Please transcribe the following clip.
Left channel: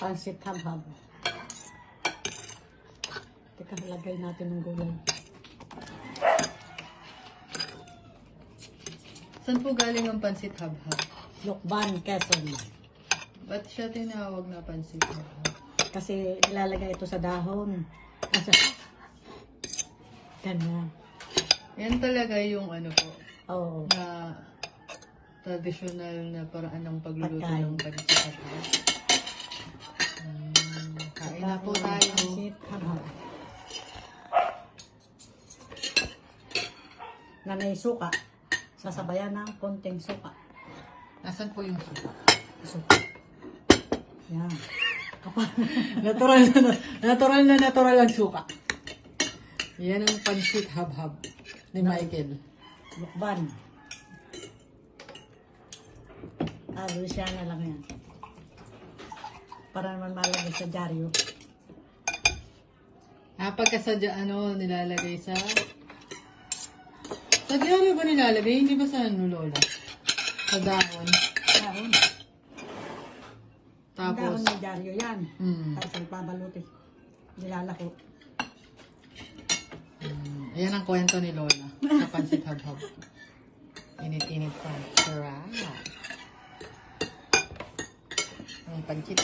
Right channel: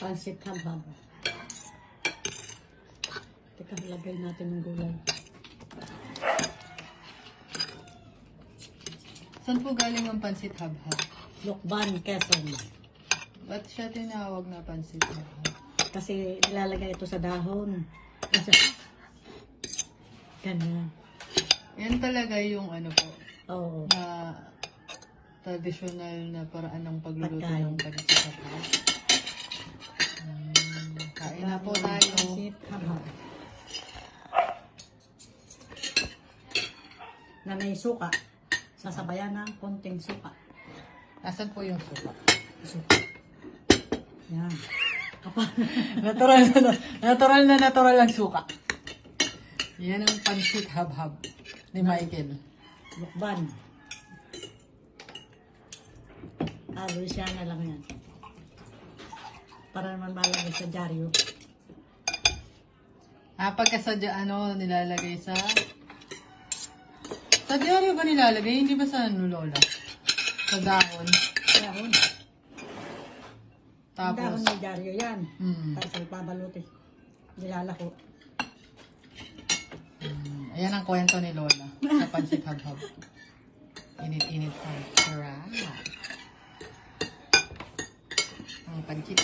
Pansit habhab. Teka, lagay natin ng gulay. Saan po galing ang pansit habhab? Lukban, Quezon. Ba't siya tinawag na pansit habhab? Kasi nilalagay ito sa dahon. Kasi, ganun. Yan talaga yung ano po, Oo. na traditional na paraan ng pagluluto ng pansit habhab. Na po tayo. Na may suka. Sasabayan ng konting suka. Nasaan po yung suka? Suka. Yan. Natural na natural na natural ang suka. Yan ang pansit habhab ni Michael. Lukban. Ah, Luciana lang yan. Para naman malagay sa dyaryo. Ah, pagkasadya ano, nilalagay sa... Sa diaryo ba nilalagay? Hindi ba sa ano, Lola? Sa dahon. Dahon. Tapos, Dahon may dyaryo yan. mm, Tapos ipabaluti. Nilalako. mm, ayan ang kwento ni Lola sa pansit habhab. Init-init ko. Sarap. हम कंचित